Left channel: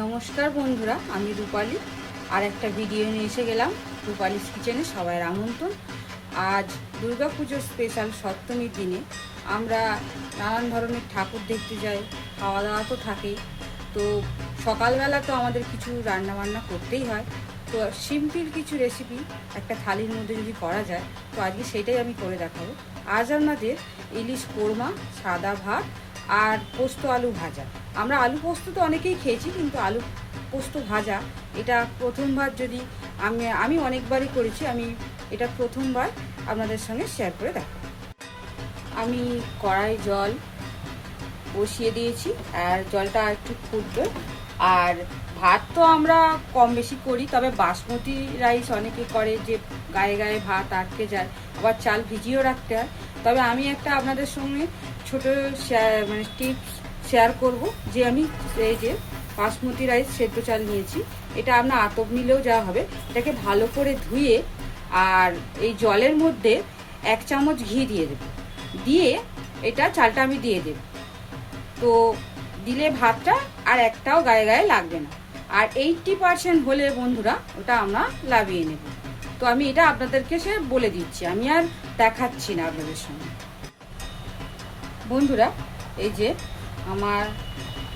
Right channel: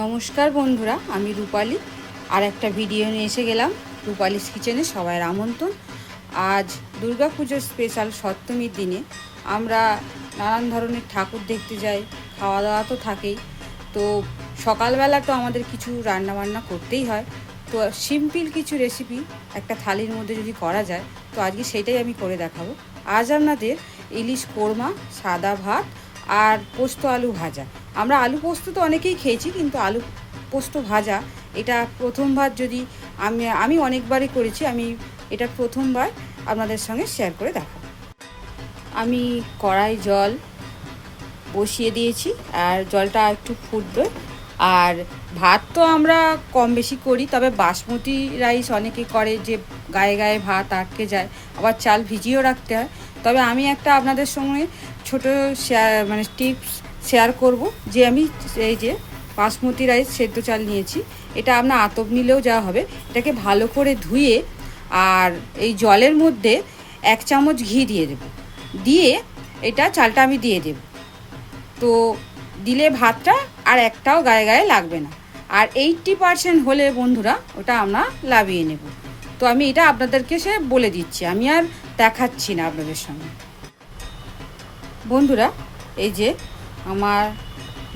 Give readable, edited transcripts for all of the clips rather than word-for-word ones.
নমস্কার বন্ধুরা, আমি রূপালী। আর একটা ভিডিও নিয়ে এসে গেলাম রূপালীস কিচেনে। সবাইয়ের আমন্ত্রণ। আজ দুর্গাপুজোর স্পেশাল সপ্তমীর দিনে আমরা নানান ধরনের ঠাকুর দেখতে যাই, খাওয়া দাওয়া তো থাকেই। তো সকালবেলা তো আমাদের কিছু রান্নাবান্না করতেই হয়। তো সিম্পল কিছু রেসিপি একটা থালির মধ্যে যদি করা যায়, তো আজকে সেটাই আমি করে দেখাবো। আজ আপনাদের ইলিশ কোরমা, সাদা ভাত আর পোস্ত আলু ভাজা। আমরা আলু পোস্ত তো অনেকেই খেয়েছি, কিন্তু আলু পোস্ত ভাজা এটা প্রথমবার। যদি আমি অনেকবারই করেছি, আমি এটা প্রথমবার আপনাদের সঙ্গে শেয়ার করে দেখাবো। আমি কড়াই জল বসিয়ে দিয়েছি, আর জলটা একটু ফুটবে। আর ভাত তো আমরা কম বেশি করি, তবে বাসমতি রাইস অনেকে করে যে গায়ে গায়ে ভাত আটকে যায়, আবার চাল ভিজিয়েও রাখতে হয়। তবে আমি একটা আপনাদের সঙ্গে ছোটো টিপস শেয়ার করব, যে আমি এই যে বাসমতি রাইস সেদ্ধ চাল নিয়েছি। এটা আপনার আতপ নিলেও যাওয়া হবে। এটাকে ভালো করে ধুয়ে আর এই জলের মধ্যে 1 চামচ ঘি দিয়ে দেব, দিয়ে এটা চালটা আমি দিয়ে দেব। তো দিলে ভাতটা আর একটাও গায়ে গায়ে লাগবে না। আর 80% হলে বন্ধুরা ওটা আমরা লাভিয়ে নেব। তো আমি এটা আপনাদেরকে বলে দিচ্ছি, আমি আর দেখাচ্ছি না আপনাদের সঙ্গে। বন্ধুরা, এই যে আমার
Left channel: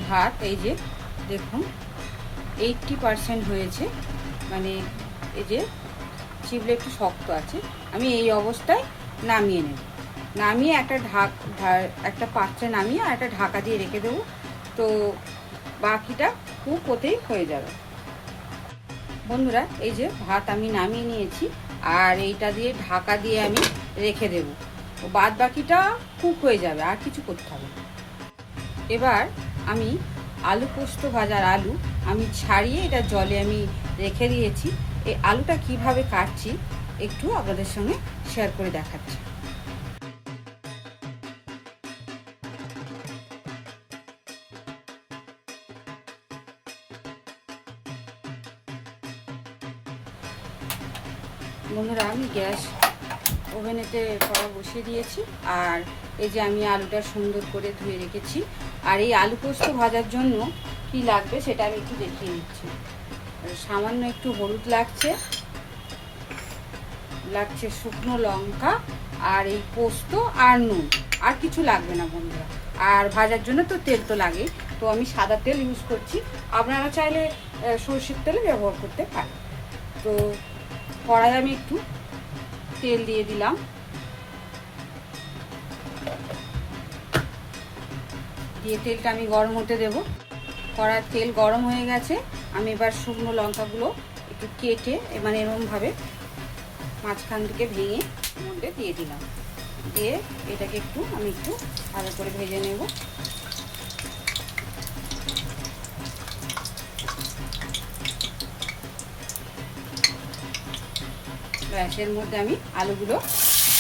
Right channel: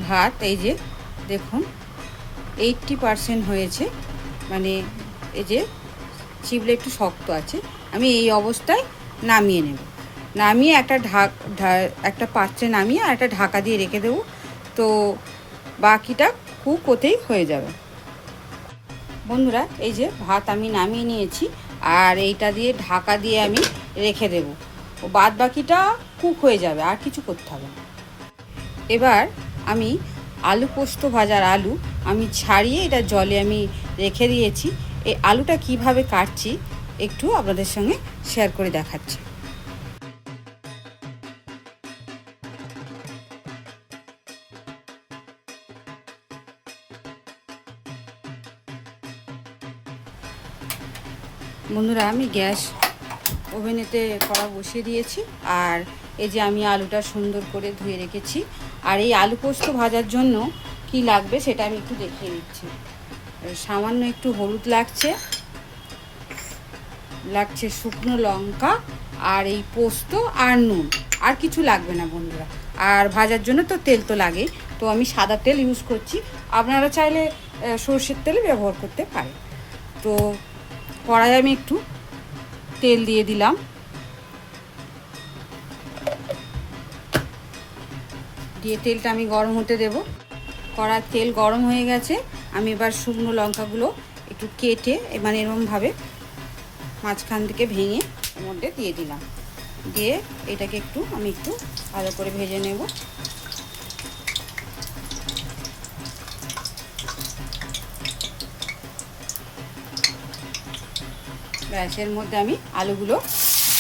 ভাত, এই যে দেখুন 80% হয়েছে, মানে এই যে চিবলে একটু শক্ত আছে। আমি এই অবস্থায় নামিয়ে নেব। নামিয়ে একটা পাত্রে নামিয়ে আর একটা ঢাকা দিয়ে রেখে দেবো। তো বাকিটা কুক হতেই হয়ে যাবে। বন্ধুরা, এই যে ভাত আমি নামিয়ে নিয়েছি, আর এইটা দিয়ে ঢাকা দিয়ে আমি রেখে দেবো। ও বাদ বাকিটা কুক হয়ে যাবে, আর কিছু করতে হবে না। এবার আমি আলু পোস্ত ভাজার আলু আমি ছাড়িয়ে এটা জলে আমি রেখে দিয়েছি। এই আলুটা কিভাবে কাটছি একটু আপনাদের সঙ্গে শেয়ার করে দেখাচ্ছি। বন্ধুরা, আমি গ্যাস ওভেনেতে কড়া বসিয়ে দিয়েছি, আর এই যে আমি আলুটা সুন্দর করে ধুয়ে রেখেছি। আর এই আলু পোস্ত ভাজার জন্য কি লাগবে সেটা আমি একটু দেখিয়ে নিচ্ছি। সামান্য একটু হলুদ লাগছে শুকনো লঙ্কা, আর এই পোস্ত আর নুন, আর কিছু লাগবে না বন্ধুরা। আর ভাজার জন্য তো তেল তো লাগে, তো আমি সাদা তেল ইউজ করছি। আপনারা চাইলে সর্ষের তেল ব্যবহার করতে পারেন। তো কড়াই আমি একটু তেল দিয়ে দিলাম, দিয়ে তেলটা আমি গরম হতে দেব। কড়ার তেল গরম হয়ে গেছে। আমি এবার শুকনো লঙ্কাগুলো একটু কেটে এরকমভাবে মাঝখান থেকে ভেঙে এর মধ্যে দিয়ে দিলাম। দিয়ে এটাকে আমি একটু ভালো করে ভেজে নেব। গ্যাসের মধ্যে আমি আলুগুলো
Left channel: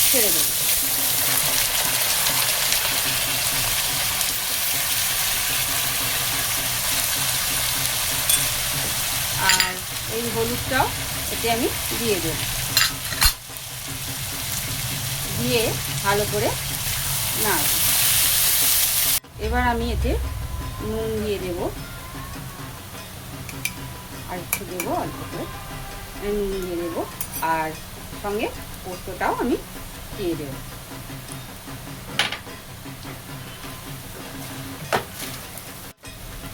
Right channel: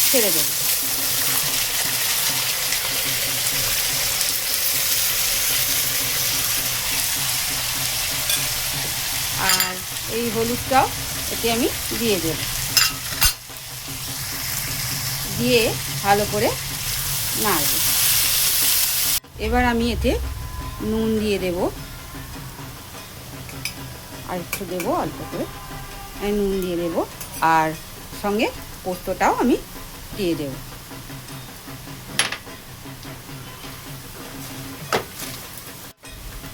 ছেড়ে দেব। আর এই হলুদটাও এতে আমি দিয়ে দেব, দিয়ে ভালো করে নাড়ব। এবার আমি এতে নুন দিয়ে দেব, আর একটু দেবো অল্প করে নুন দিয়ে দেবো, আর সঙ্গে পোস্তটাও আমি দিয়ে দেব।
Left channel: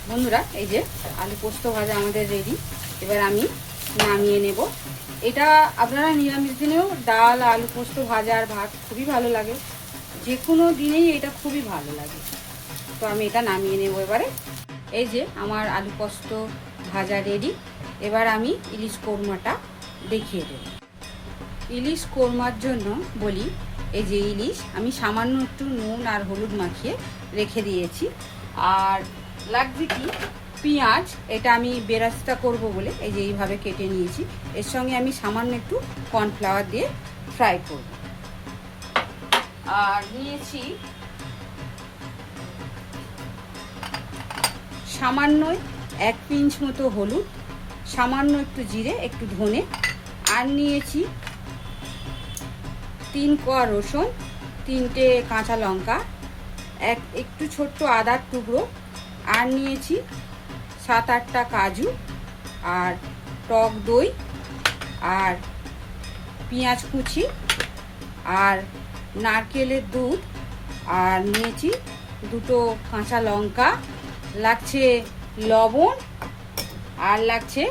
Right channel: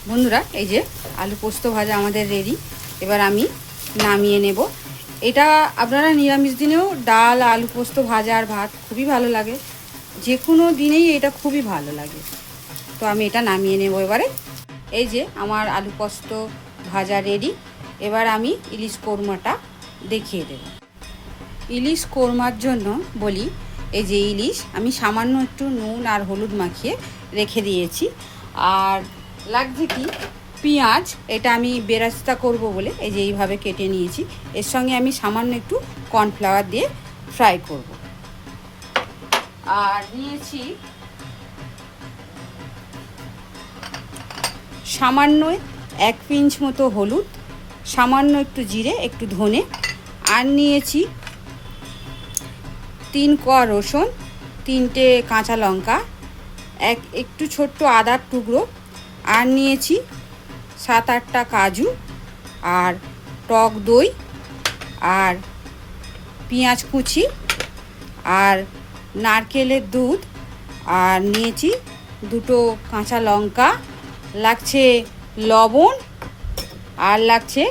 বন্ধুরা, এই যে আলু পোস্ত ভাজা আমাদের রেডি। এবার আমি নামিয়ে নেব। এটা আপনারা নিরামিষ দিনেও ডাল, আলু পোস্ত ভাজা আর ভাত খুবই ভালো লাগে। যে কোনো দিনেই এটা খুবই ভালো লাগে। তো আমি এটা নামিয়ে নেব এবারে। এই যে আমার আলু পোস্ত ভাজা রেডি। এবার আমি ইলিশ কোরমাটা দেখিয়ে দেব। ইলিশ কোরমার জন্য বলি, এই যে ইলিশ আমি সামান্য একটু নুন আর হলুদ মাখিয়ে রেখে দিয়েছি। আর লাগছে কি পেঁয়াজ, এটা আমি বেরেস্তা করব বলে এই যে এইভাবে কেটে নিয়েছি। এর সঙ্গে আমি সামান্য একটু কর্নফ্লাওয়ার দিয়ে ফ্রাই করব। আর নিয়েছি সামান্য 1 পিঞ্চ মতো হলুদ, সামান্য একটু জিরে, একটু ধনে, আর নিয়েছি 3 কোয়া রসুন, 3টে কাঁচা লঙ্কা, একটু ছোট্ট আদার টুকরো, আর নিয়েছি 7-8টা কাজু, আর টক দই, আর পেঁয়াজ কুচি, আর নারকেলের দুধ, আর নিয়েছি 2টো কাঁচা লঙ্কা, লাগছে লবণ, আর লাগছে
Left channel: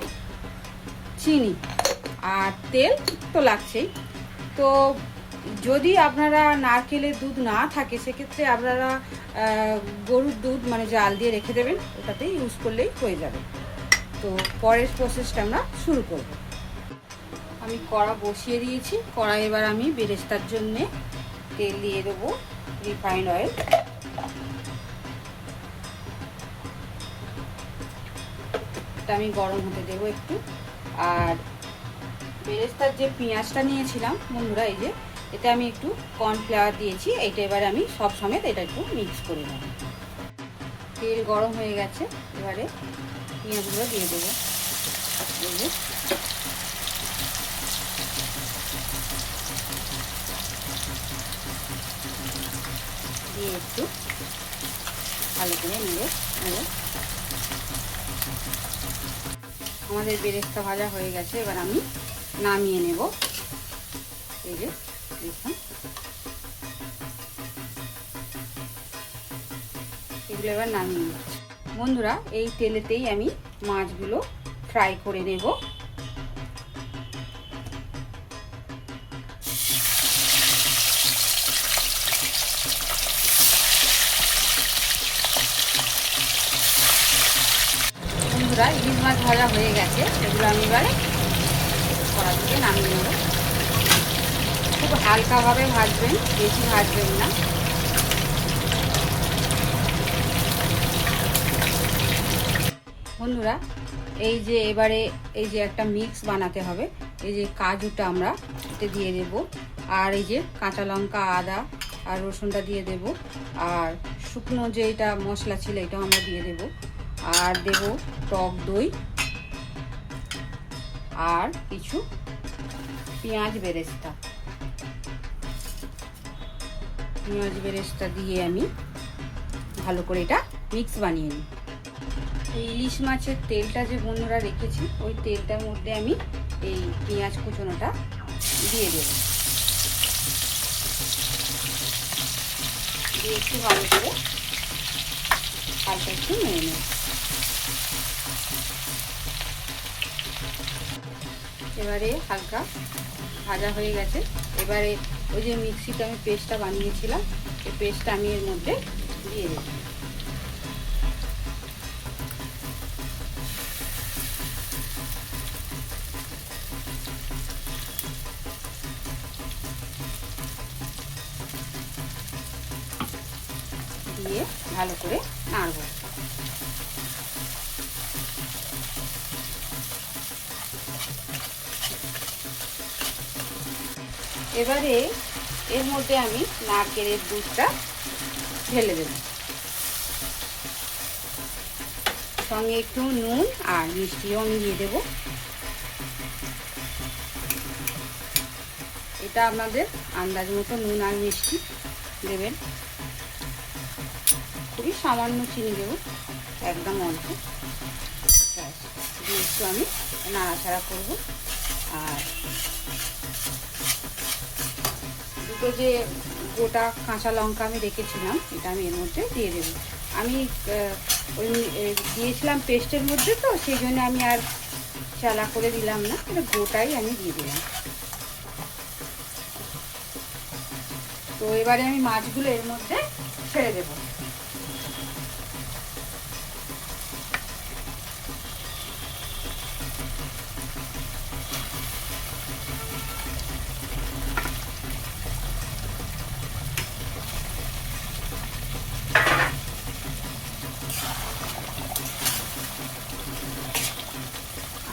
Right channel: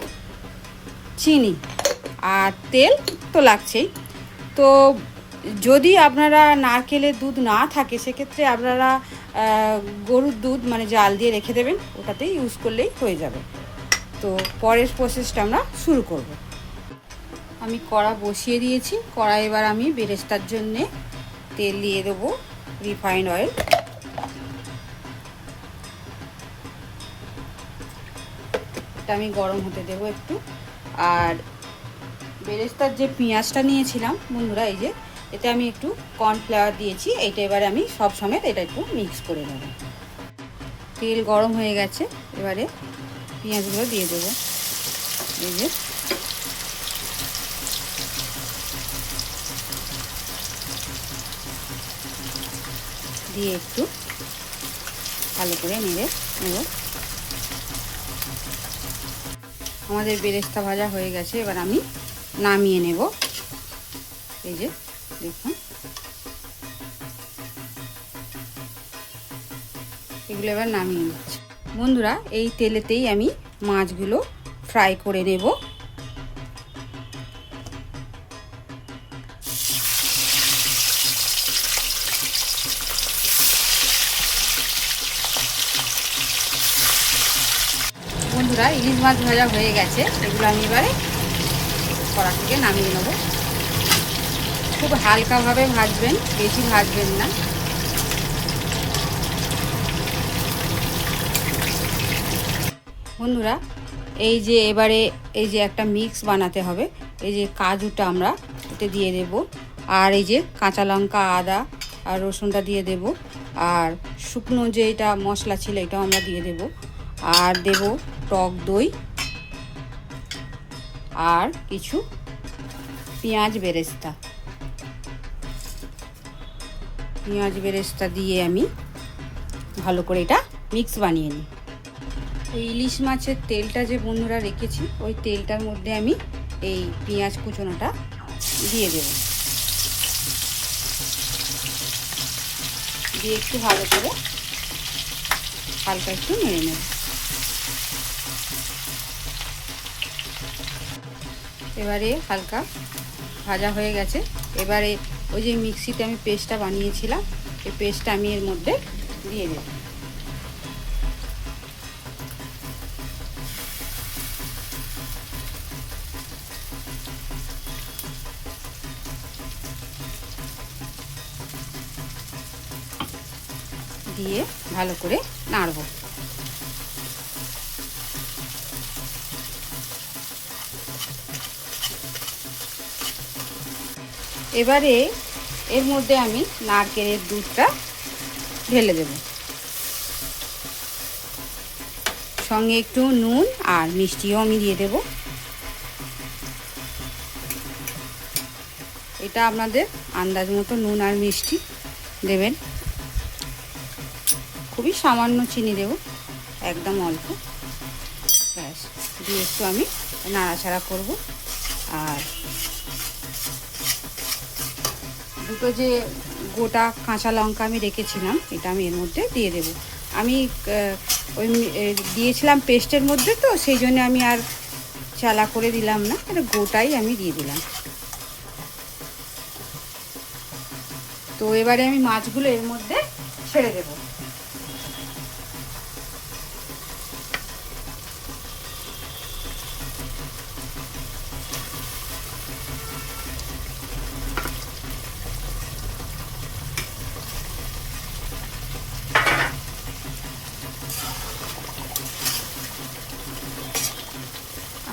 চিনি, আর তেল তো লাগছেই। তো যদি আপনারা নারকেলের দুধ না থাকে সেক্ষেত্রে আপনারা গরুর দুধ মানে জাল দিয়ে রেখে দেবেন, ওটাতেই ইউজ করলেই হয়ে যাবে। তো পরের প্রসেসটা আমরা শুরু করব। আমি কড়া বসিয়ে দিয়েছি। কড়া এবার আমি বেরেস্তার জন্যে তেল দিয়ে দেবো, রিফাইন্ড অয়েল। এটা আমি গরম হতে দেবো একটু। আর বেরেস্তার যে পেঁয়াজটা নিয়েছিলাম বন্ধুরা, এই যে এতে আমি একটু কর্নফ্লাওয়ার দিয়েছি, এইটা এবারে আমি সব সমেত এটা একটু মিক্স করে নেব। তেল গরম হয়ে গেছে, এবারে পেঁয়াজগুলো দিয়ে দেবো। দিয়ে একটু ভালো করে নেব। আমাদের বেরেস্তা ভাজা হয়ে গেছে, এবার আমি নামিয়ে নেব। এই যে দেখুন, এগুলো এবার নামিয়ে নিচ্ছি। বন্ধুরা, এই তেলেতেই আমি মাছগুলো ফ্রাই করে নেব। বন্ধুরা, ইলিশ মাছ ভাজা হয়ে গেছে, এগুলো আমি এবারে কড়া থেকে নামিয়ে নেব। খুব হালকাভাবে ভাজবেন, বেশি ভাজবেন না। বন্ধুরা, এই যে এবারে এই যে একটা মিক্স বানাতে হবে। এই যে কাজুটা আমরা এতে দিয়ে দেব, আর এই যে কাঁচা লঙ্কা, আদা আর রসুনটা দিয়ে দেব, আর শুকনো যে এটা মশলা ছিল এটাও আমরা দিয়ে দেব, আর দেব টক দই, আর কিছু পেঁয়াজ বেরেস্তা দিয়ে আমি ভালো করে এটা মিক্স বানিয়ে নিই। ওই ইলিশ মাছের তেলটা যে বন্ধুরা রেখেছি, ওই তেলটার মধ্যে আমি এই পেঁয়াজ কুচোনোটা দিয়ে দেব, দিয়ে একটু ভালো করে হালকা একটু নেড়ে নেব। এবারে হালকা ভাজা হয়ে গেছে, এবারে ওই যে মিক্সিতে আমি পেস্টটা বানিয়েছিলাম, এই পেস্টটা আমি এর মধ্যে দিয়ে দেব। দিয়ে ভালো করে নাড়ব। এবারে এর মধ্যে আমি নারকেলের দুধটা ঢেলে দেব, সঙ্গে একটু নুন আর মিষ্টিও আমি দিয়ে দেব। এটা আপনাদের আন্দাজ মতো নুন আর মিষ্টি দেবেন, খুবই সামান্য চিনি দেব, একদম অল্প। ব্যাস, দিয়ে একটু আমি নাড়াচাড়া করব। আর দুটো যে গোটা কাঁচা লঙ্কা আমি রেখেছিলাম, এটা আমি এর মধ্যে দিয়ে দেব। আমি ওই দিয়েছিলাম পেস্টের মধ্যে, তো সেই জন্য আমি আর চালা করে দিলাম না, এটা গোটাই আমি দিয়ে দিলাম। তো এবারে আমি মাছগুলো এর মধ্যে ছেড়ে দেব।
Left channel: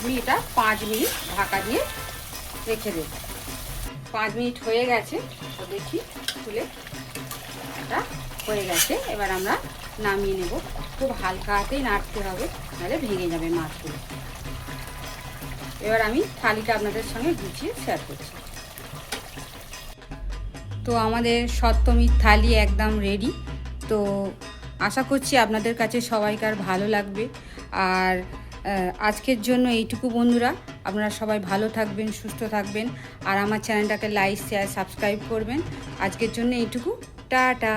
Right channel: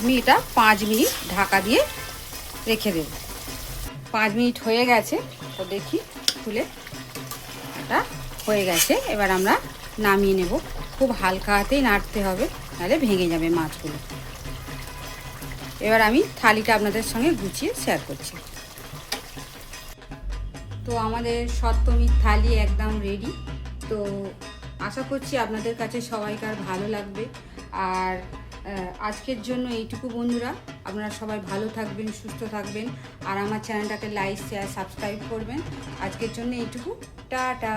আমি এটা 5 মিনিট ঢাকা দিয়ে রেখে দেব। 5 মিনিট হয়ে গেছে, তো দেখি খুলে, এটা হয়ে গেছে। এবার আমরা নামিয়ে নেব। খুব হালকা হাতেই নাড়তে হবে, নাহলে ভেঙে যাবে মাছগুলো। এবার আমি থালিটা আপনাদের সঙ্গে গুছিয়ে শেয়ার করছি। তো আমাদের সপ্তমীর থালি একদম রেডি। তো আশা করছি আপনাদের কাছে সবাইকার ভালো লাগবে। আর আজকের জন্য এইটুকু বন্ধুরা, আপনারা সবাই ভালো থাকবেন, সুস্থ থাকবেন, আর আমার চ্যানেলটাকে লাইক, শেয়ার, সাবস্ক্রাইব করবেন। আজকের জন্য এইটুকু, টাটা।